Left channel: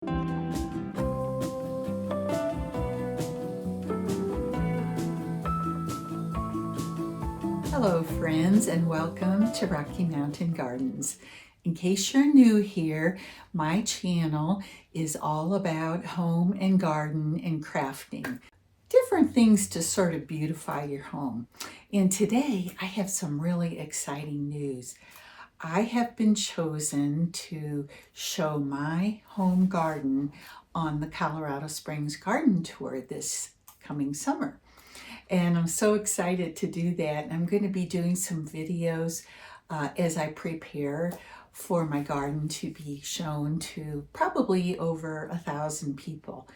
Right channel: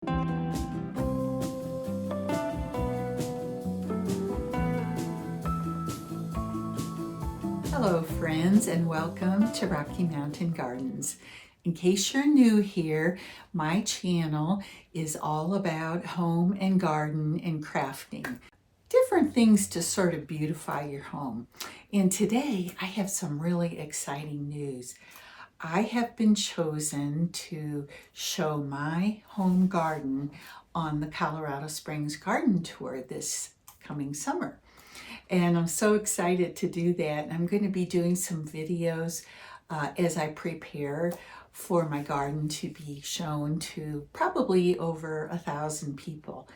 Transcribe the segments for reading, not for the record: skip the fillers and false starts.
Hello friends, and welcome to Rocky Mountain Gardens. In case you're new here, my channel is all about home and garden and crafting. Different things to sort of beautify your home. And today I have some really exciting news. I have been chosen to show my home garden on the Colorado Springs Garden Tour this coming summer. And I'm so excited to do that. I'm going to be doing some videos as I prepare for my garden to be shown to probably over 1,000 people.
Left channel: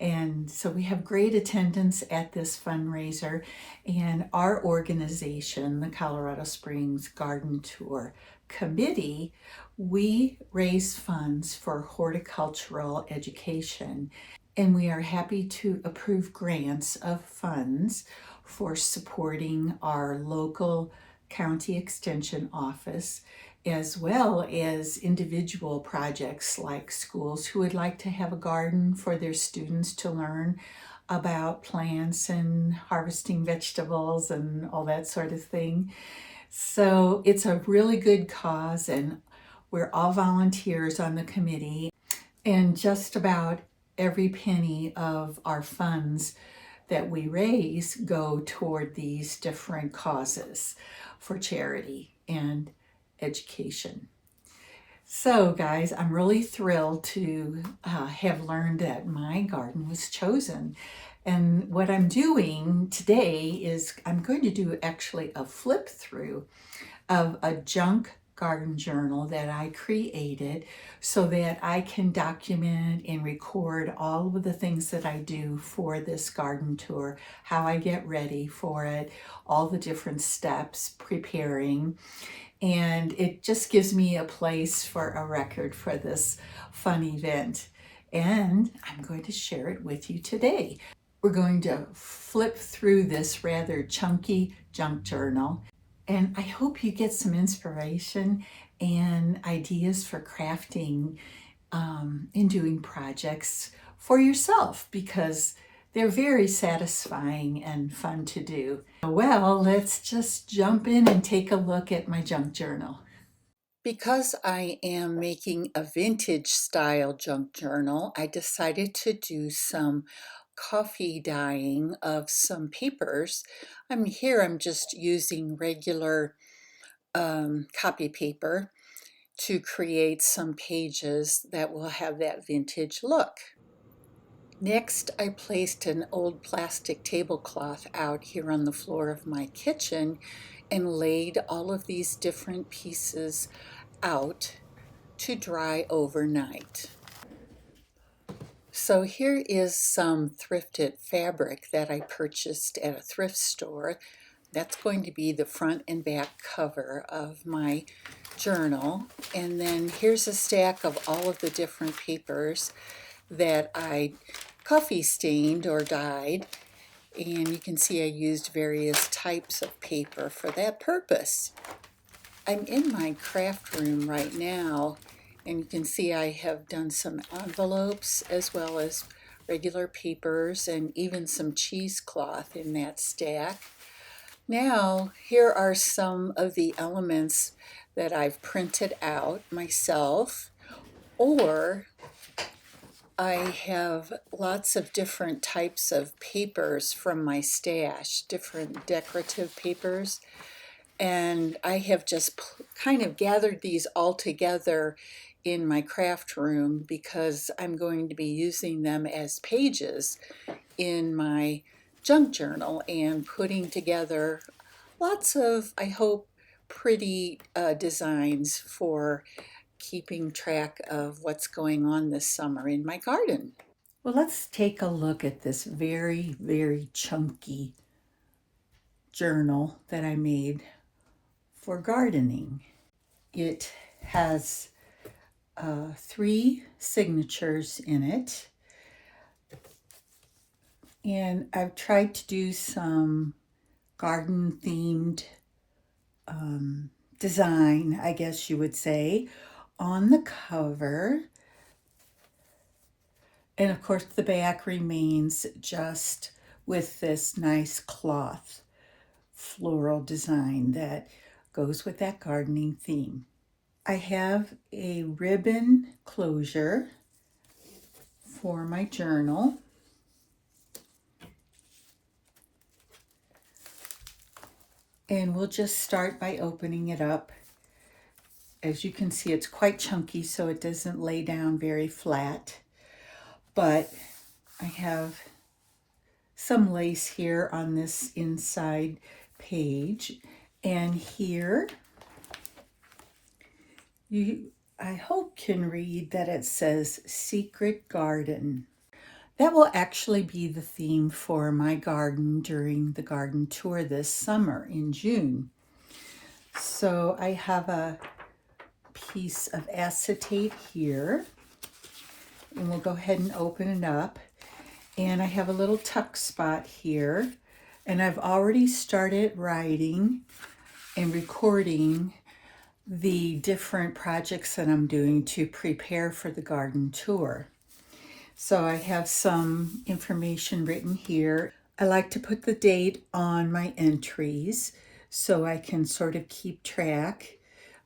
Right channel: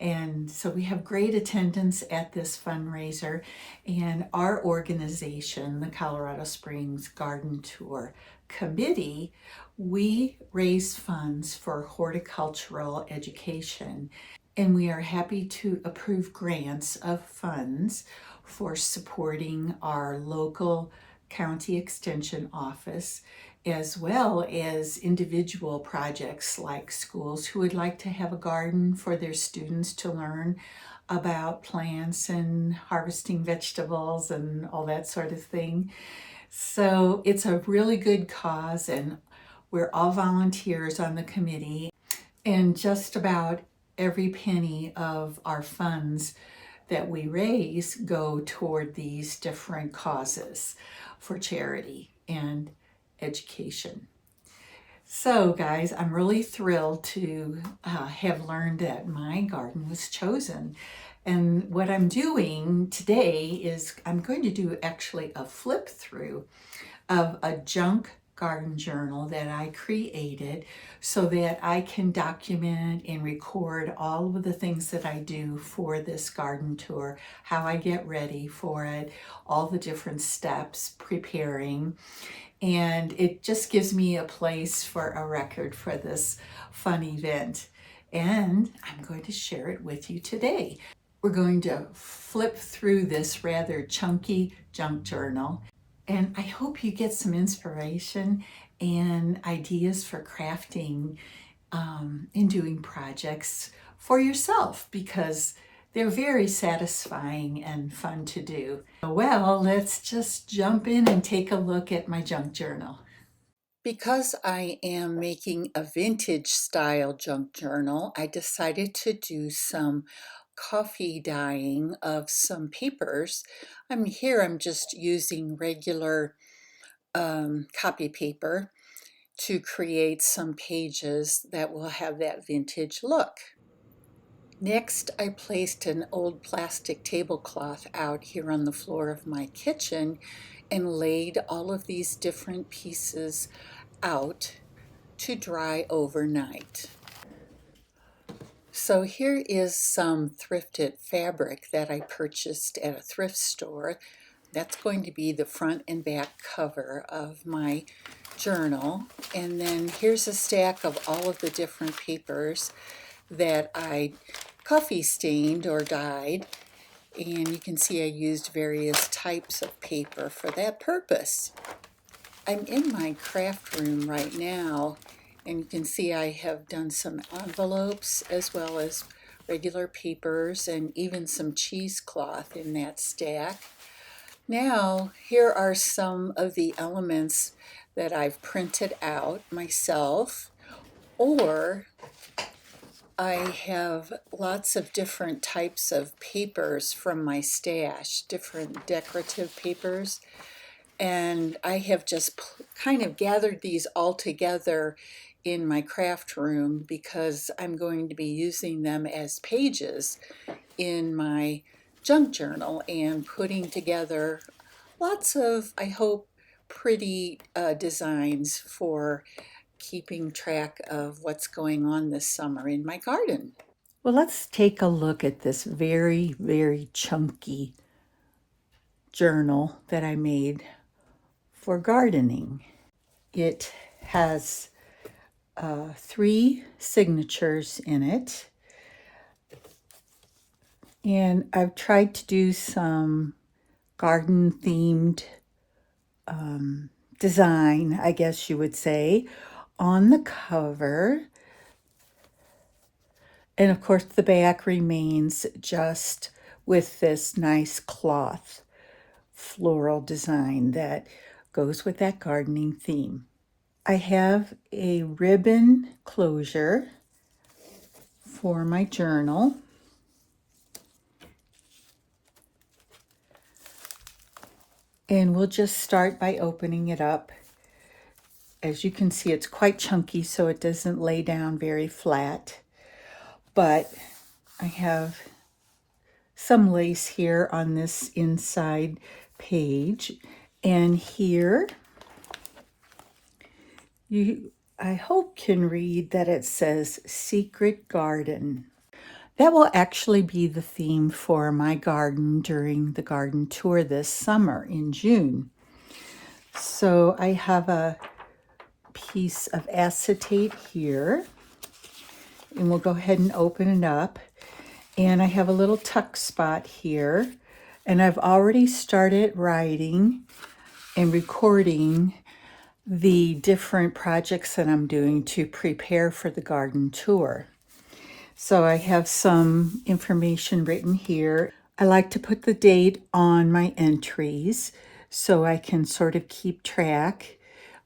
And so we have great attendance at this fundraiser, and our organization, the Colorado Springs Garden Tour Committee, we raise funds for horticultural education, and we are happy to approve grants of funds for supporting our local county extension office, as well as individual projects like schools who would like to have a garden for their students to learn about plants and harvesting vegetables and all that sort of thing. So it's a really good cause, and we're all volunteers on the committee, and just about every penny of our funds that we raise go toward these different causes for charity and education. So guys, I'm really thrilled to have learned that my garden was chosen. And what I'm doing today is I'm going to do actually a flip through of a junk garden journal that I created so that I can document and record all of the things that I do for this garden tour, how I get ready for it, all the different steps preparing. And it just gives me a place for a record for this fun event. And I'm going to share it with you today. We're going to flip through this rather chunky junk journal, and I hope you get some inspiration and ideas for crafting and doing projects for yourself, because they're very satisfying and fun to do. Well, let's just jump in and take a look at my junk journal. Because I am making a vintage style junk journal, I decided to do some coffee dyeing of some papers. I'm just using regular copy paper to create some pages that will have that vintage look. Next, I placed an old plastic tablecloth out here on the floor of my kitchen and laid all of these different pieces out to dry overnight. So here is some thrifted fabric that I purchased at a thrift store. That's going to be the front and back cover of my journal. And then here's a stack of all of the different papers that I coffee stained or dyed. And you can see I used various types of paper for that purpose. I'm in my craft room right now, and you can see I have done some envelopes as well as regular papers and even some cheesecloth in that stack. Now, here are some of the elements that I've printed out myself, or I have lots of different types of papers from my stash, different decorative papers, and I have just kind of gathered these all together in my craft room because I'm going to be using them as pages in my junk journal and putting together lots of, I hope, pretty designs for keeping track of what's going on this summer in my garden. Well, let's take a look at this very, very chunky journal that I made for gardening. It has 3 signatures in it, and I've tried to do some garden themed design, I guess you would say, on the cover. And of course the back remains just with this nice cloth floral design that goes with that gardening theme. I have a ribbon closure for my journal. And we'll just start by opening it up. As you can see, it's quite chunky, so it doesn't lay down very flat. But I have some lace here on this inside page. And here, I hope can read that it says Secret Garden. That will actually be the theme for my garden during the garden tour this summer in June. So I have a piece of acetate here, and we'll go ahead and open it up. And I have a little tuck spot here, and I've already started writing and recording the different projects that I'm doing to prepare for the garden tour. So I have some information written here. I like to put the date on my entries so I can sort of keep track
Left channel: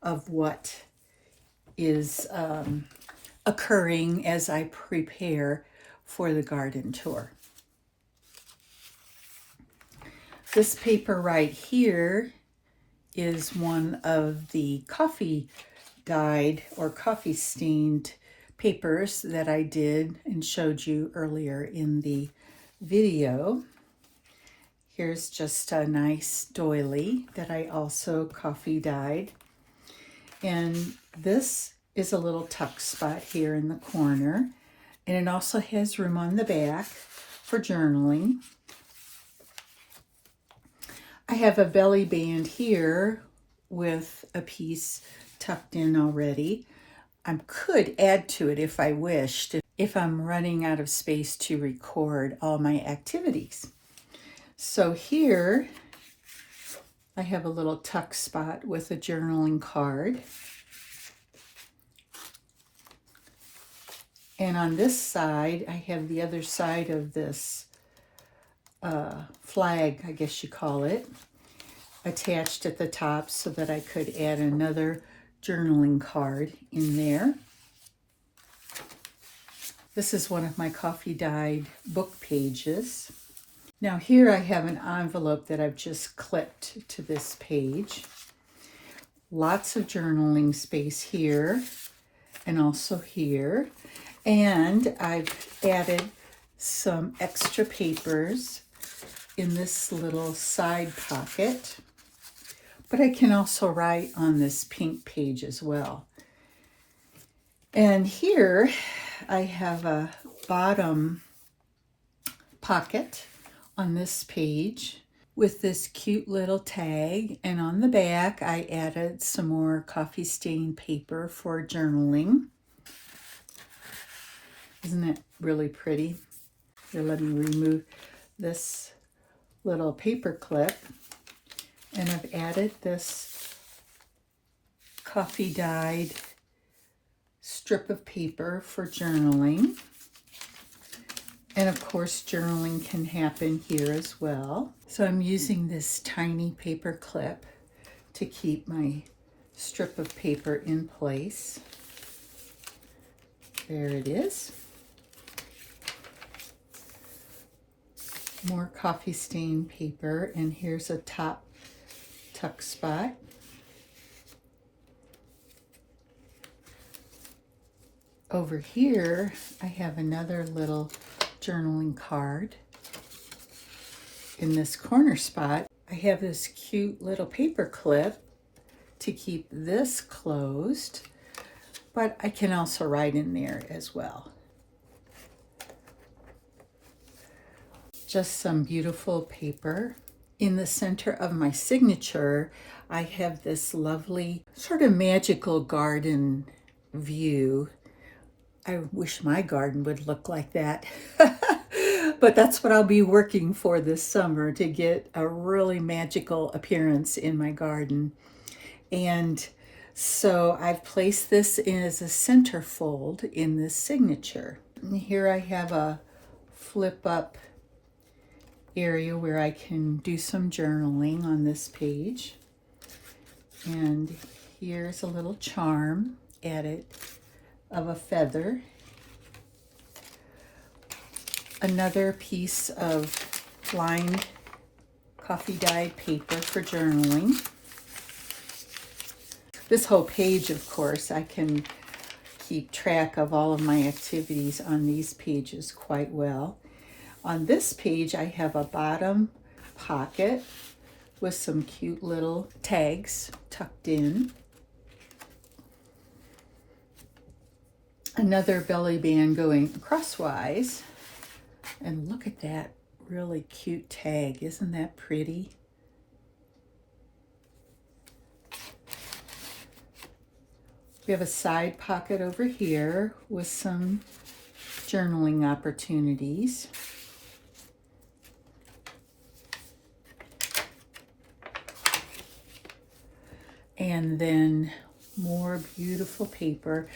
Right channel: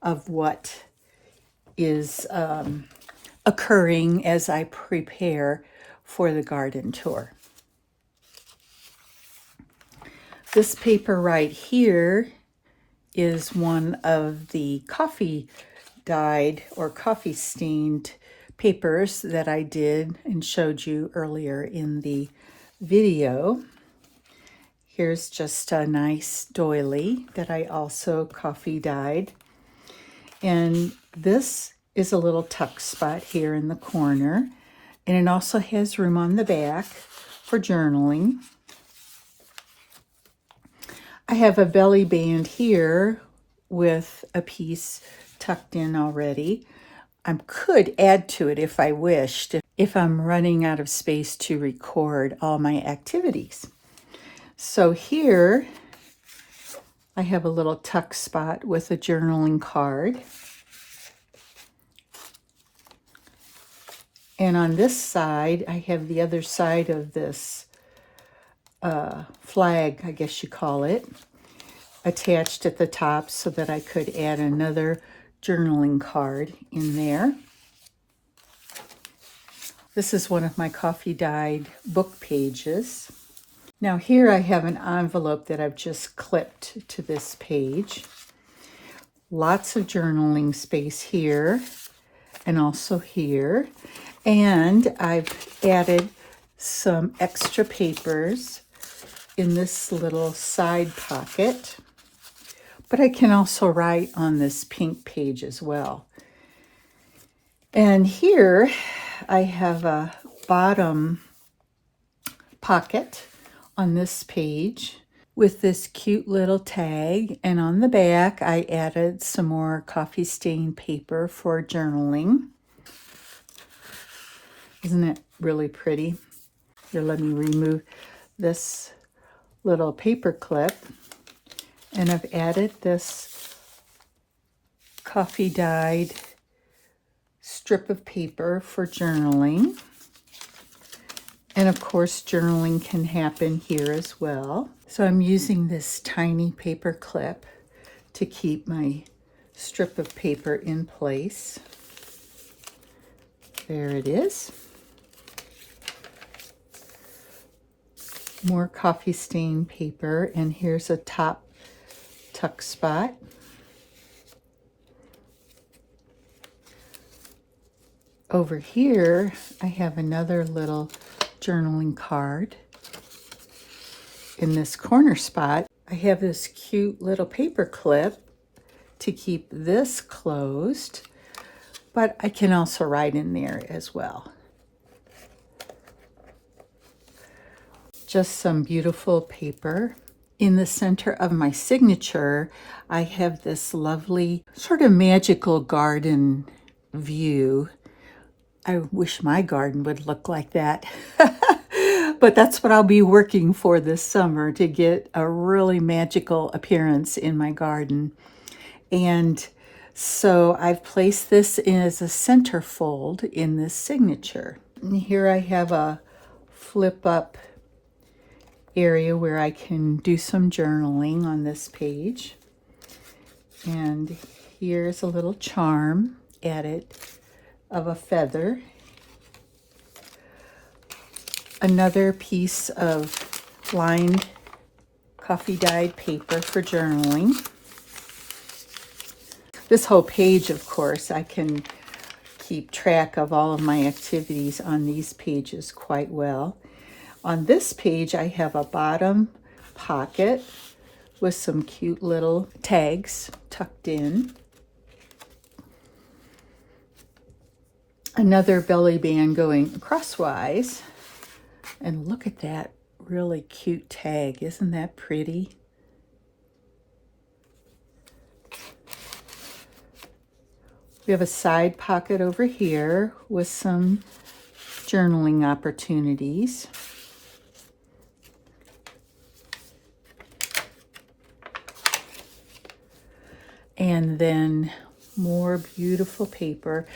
of what is occurring as I prepare for the garden tour. This paper right here is one of the coffee dyed or coffee stained papers that I did and showed you earlier in the video. Here's just a nice doily that I also coffee dyed. And this is a little tuck spot here in the corner. And it also has room on the back for journaling. I have a belly band here with a piece tucked in already. I could add to it if I wished, if I'm running out of space to record all my activities. So here I have a little tuck spot with a journaling card. And on this side, I have the other side of this flag, I guess you call it, attached at the top so that I could add another journaling card in there. This is one of my coffee dyed book pages. Now here I have an envelope that I've just clipped to this page. Lots of journaling space here and also here. And I've added some extra papers in this little side pocket. But I can also write on this pink page as well. And here I have a bottom pocket on this page with this cute little tag. And on the back, I added some more coffee stained paper for journaling. Isn't it really pretty? Here, let me remove this little paper clip. And I've added this coffee dyed strip of paper for journaling. And of course, journaling can happen here as well. So I'm using this tiny paper clip to keep my strip of paper in place. There it is. More coffee stained paper, and here's a top tuck spot. Over here, I have another little journaling card. In this corner spot, I have this cute little paper clip to keep this closed, but I can also write in there as well. Just some beautiful paper. In the center of my signature, I have this lovely sort of magical garden view. I wish my garden would look like that. But that's what I'll be working for this summer, to get a really magical appearance in my garden. And so I've placed this as a centerfold in this signature. And here I have a flip up area where I can do some journaling on this page. And here's a little charm added of a feather. Another piece of lined coffee dyed paper for journaling. This whole page, of course, I can keep track of all of my activities on these pages quite well. On this page, I have a bottom pocket with some cute little tags tucked in. Another belly band going crosswise. And look at that really cute tag. Isn't that pretty? We have a side pocket over here with some journaling opportunities. And then more beautiful paper.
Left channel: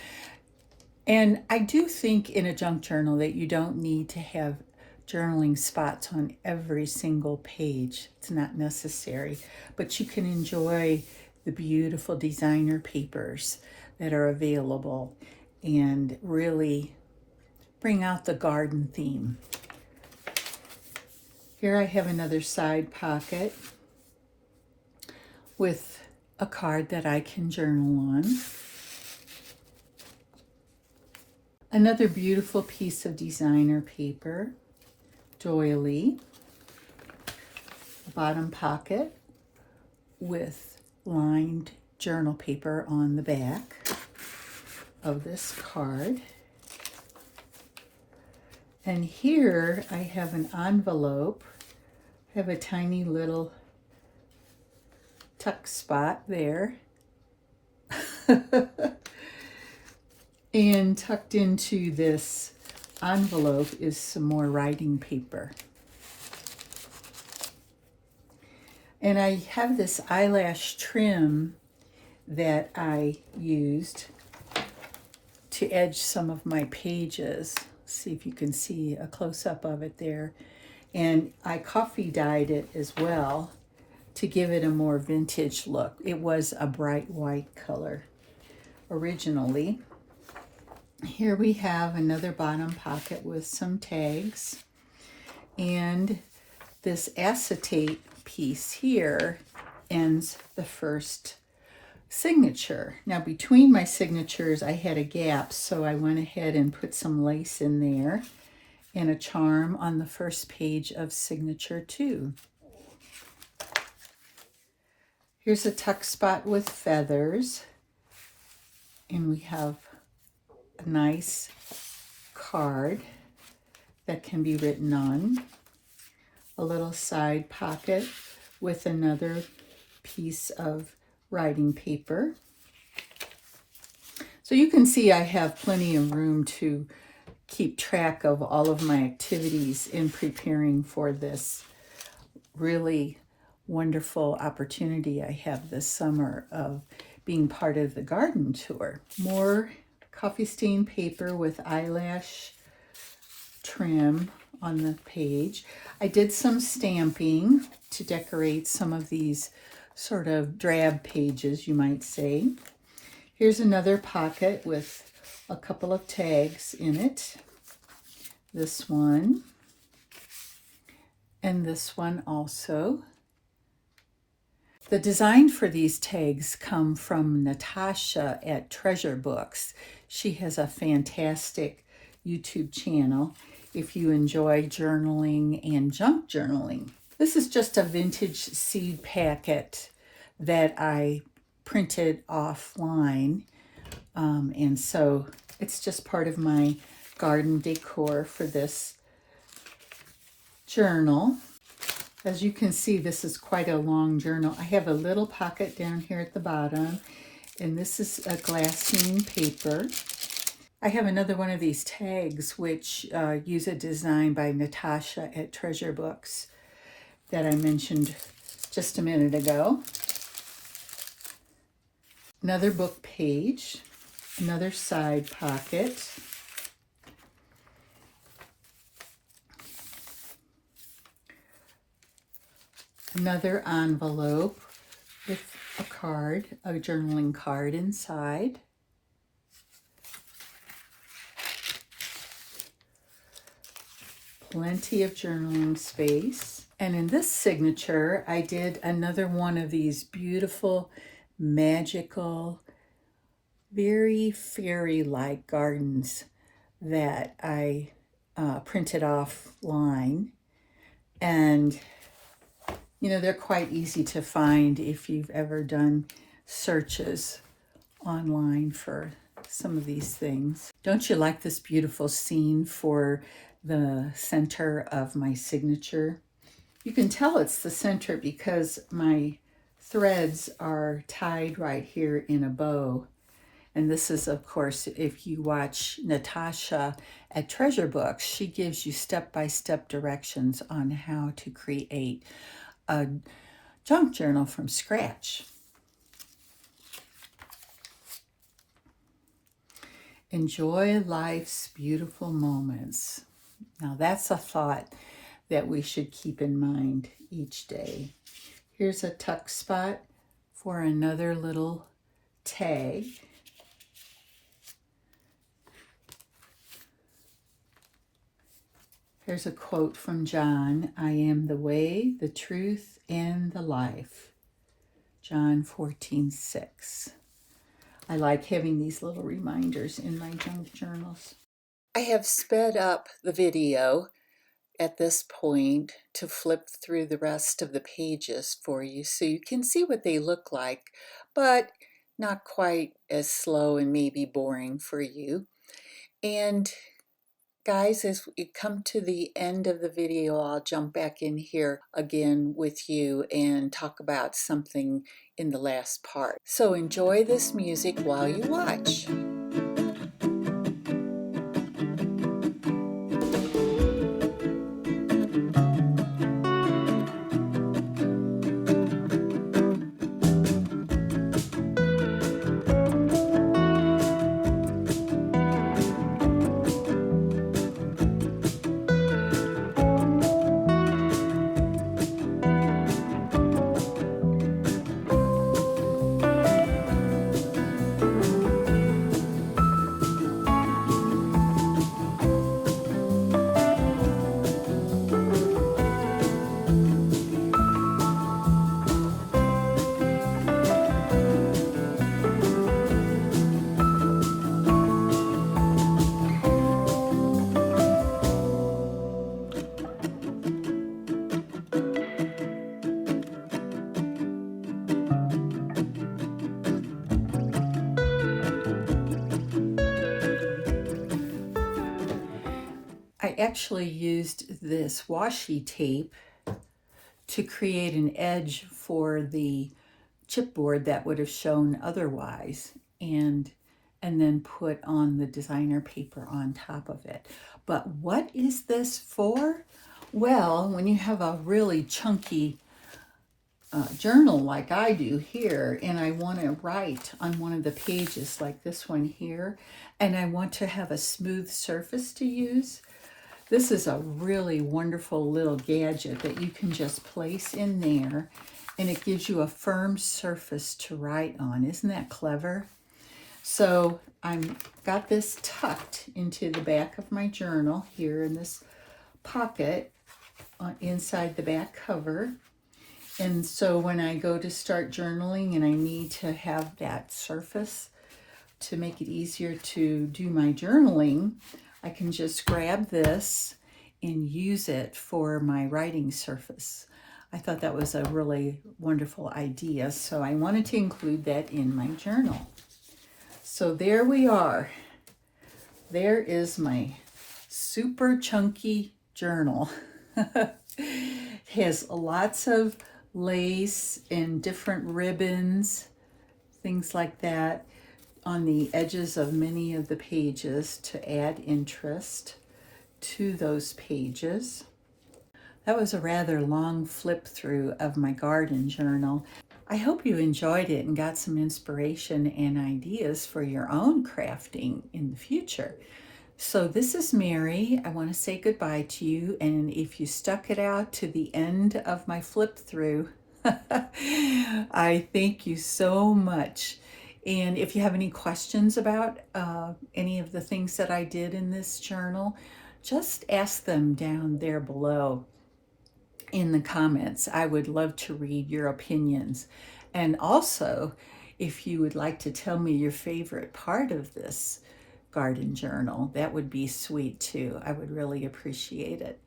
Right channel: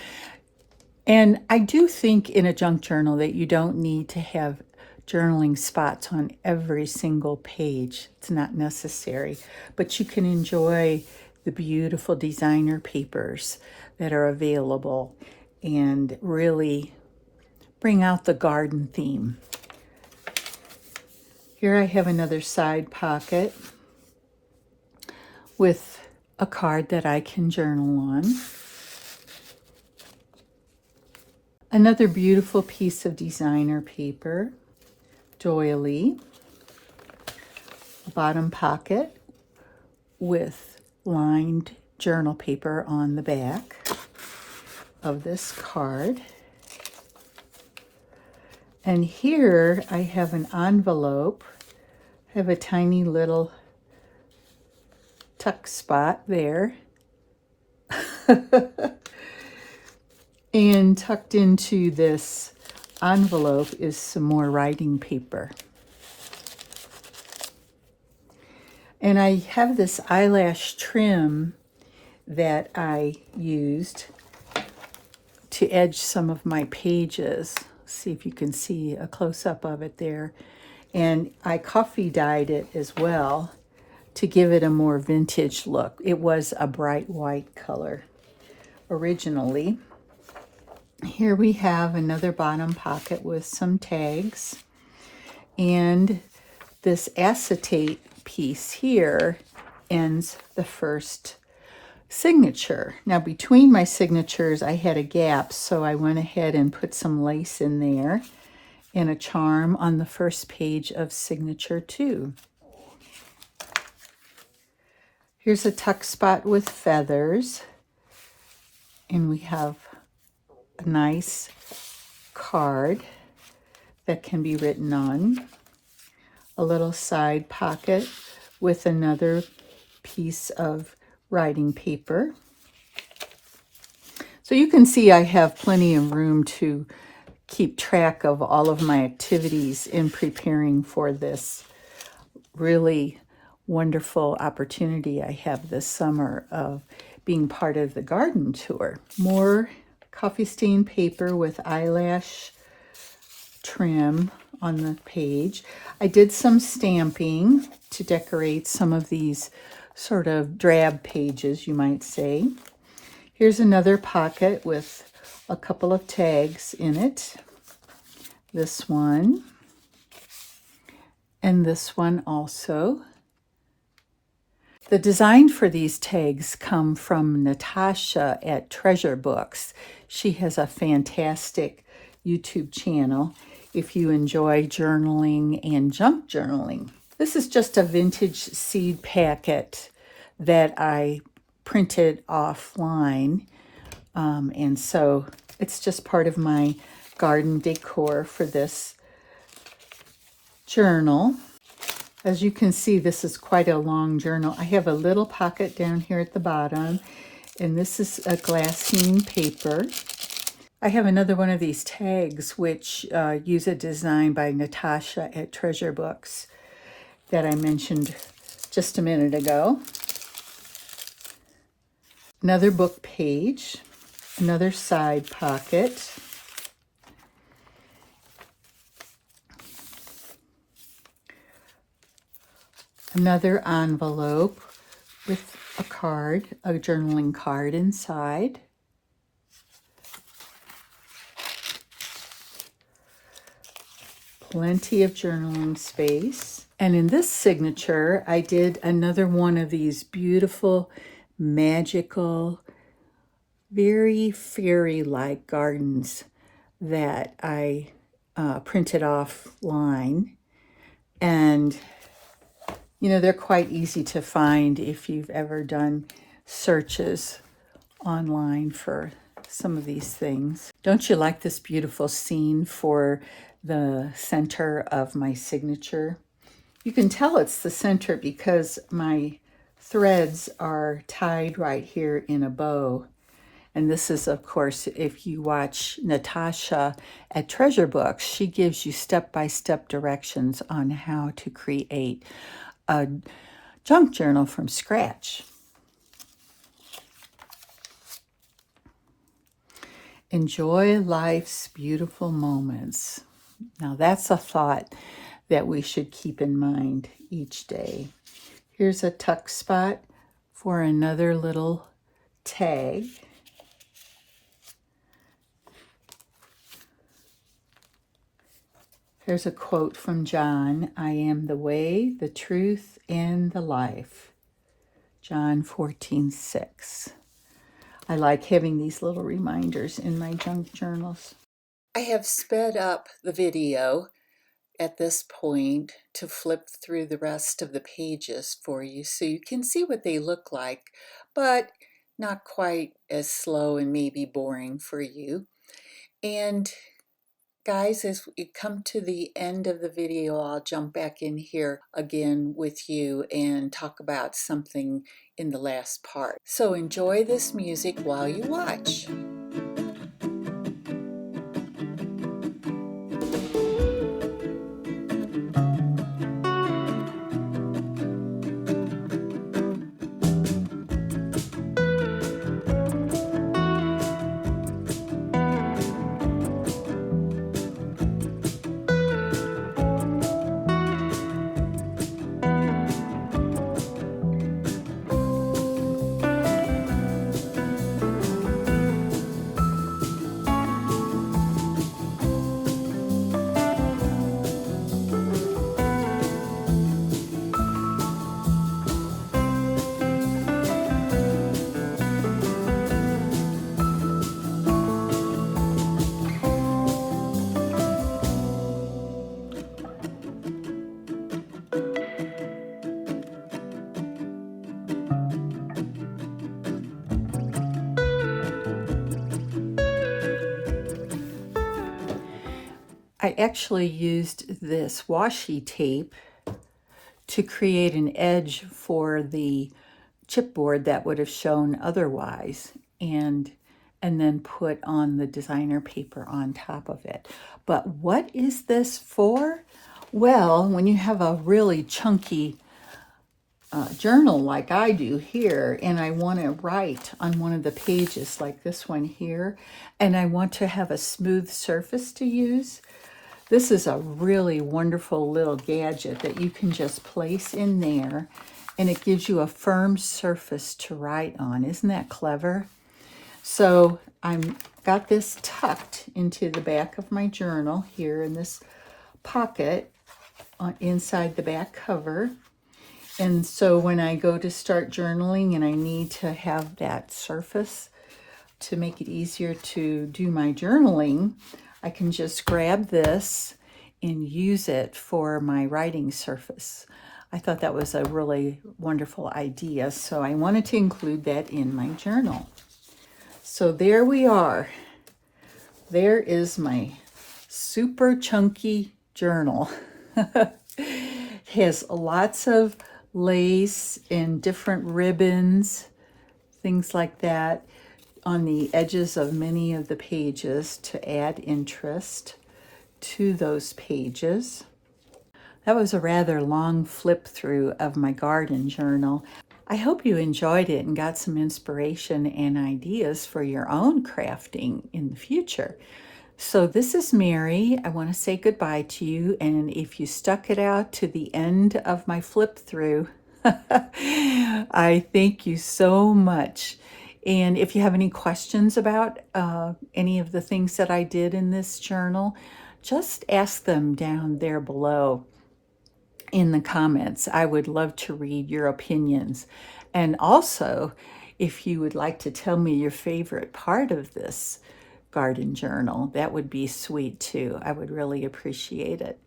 And I do think in a junk journal that you don't need to have journaling spots on every single page. It's not necessary, but you can enjoy the beautiful designer papers that are available and really bring out the garden theme. Here I have another side pocket with a card that I can journal on. Another beautiful piece of designer paper, doily. Bottom pocket with lined journal paper on the back of this card. And here I have an envelope. I have a tiny little tuck spot there. And tucked into this envelope is some more writing paper. And I have this eyelash trim that I used to edge some of my pages. See if you can see a close-up of it there. And I coffee dyed it as well to give it a more vintage look. It was a bright white color originally. Here we have another bottom pocket with some tags. And this acetate piece here ends the first signature. Now between my signatures I had a gap, so I went ahead and put some lace in there and a charm on the first page of signature 2. Here's a tuck spot with feathers, and we have a nice card that can be written on. A little side pocket with another piece of writing paper. So you can see I have plenty of room to keep track of all of my activities in preparing for this really wonderful opportunity I have this summer of being part of the garden tour. More coffee stain paper with eyelash trim on the page. I did some stamping to decorate some of these sort of drab pages, you might say. Here's another pocket with a couple of tags in it. This one and this one also. The design for these tags come from Natasha at Treasure Books. She has a fantastic YouTube channel if you enjoy journaling and junk journaling. This is just a vintage seed packet that I printed offline. And so it's just part of my garden decor for this journal. As you can see, this is quite a long journal. I have a little pocket down here at the bottom, and this is a glassine paper. I have another one of these tags, which use a design by Natasha at Treasure Books that I mentioned just a minute ago. Another book page, another side pocket. Another envelope with a card, a journaling card inside. Plenty of journaling space. And in this signature, I did another one of these beautiful, magical, very fairy-like gardens that I printed offline. And, you know, they're quite easy to find if you've ever done searches online for some of these things. Don't you like this beautiful scene for the center of my signature? You can tell it's the center because my threads are tied right here in a bow. And this is, of course, if you watch Natasha at Treasure Books, she gives you step-by-step directions on how to create a junk journal from scratch. Enjoy life's beautiful moments. Now that's a thought that we should keep in mind each day. Here's a tuck spot for another little tag. Here's a quote from John: "I am the way, the truth, and the life." John 14:6. I like having these little reminders in my junk journals. I have sped up the video at this point to flip through the rest of the pages for you so you can see what they look like, but not quite as slow and maybe boring for you. And guys, as we come to the end of the video, I'll jump back in here again with you and talk about something in the last part. So enjoy this music while you watch. I actually used this washi tape to create an edge for the chipboard that would have shown otherwise, and then put on the designer paper on top of it. But what is this for? Well, when you have a really chunky journal like I do here, and I want to write on one of the pages like this one here, and I want to have a smooth surface to use, this is a really wonderful little gadget that you can just place in there, and it gives you a firm surface to write on. Isn't that clever? So I've got this tucked into the back of my journal here in this pocket inside the back cover. And so when I go to start journaling and I need to have that surface to make it easier to do my journaling, I can just grab this and use it for my writing surface. I thought that was a really wonderful idea, so I wanted to include that in my journal. So there we are. There is my super chunky journal. It has lots of lace and different ribbons, things like that, on the edges of many of the pages to add interest to those pages. That was a rather long flip through of my garden journal. I hope you enjoyed it and got some inspiration and ideas for your own crafting in the future. So this is Mary. I want to say goodbye to you. And if you stuck it out to the end of my flip through, I thank you so much. And if you have any questions about any of the things that I did in this journal, just ask them down there below in the comments. I would love to read your opinions. And also, if you would like to tell me your favorite part of this garden journal, that would be sweet too. I would really appreciate it.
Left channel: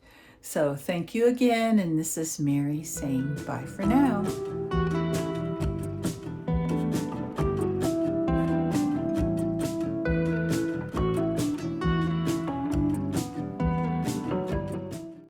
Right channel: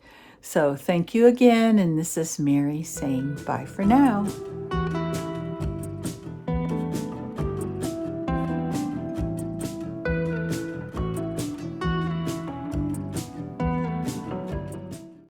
So thank you again, and this is Mary saying bye for now.